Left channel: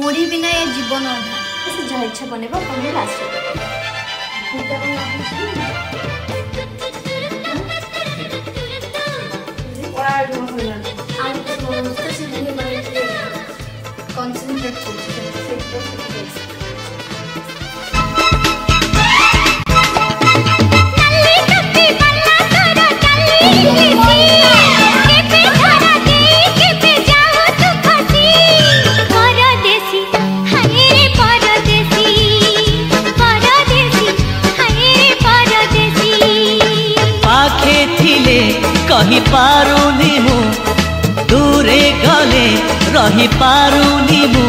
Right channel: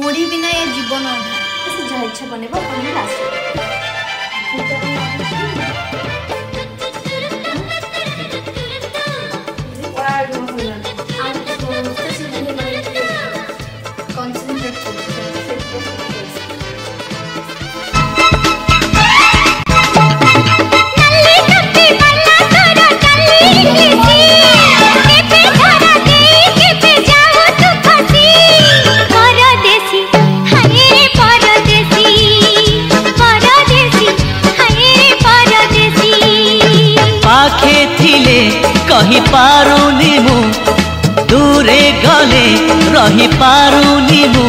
मुड़ी बिना ये जीवन से जहाँ इच्छा बनेबो अपन लास्ट कंसंट्रेट कही पारुनी मु दूरे गले रही पारुनी मु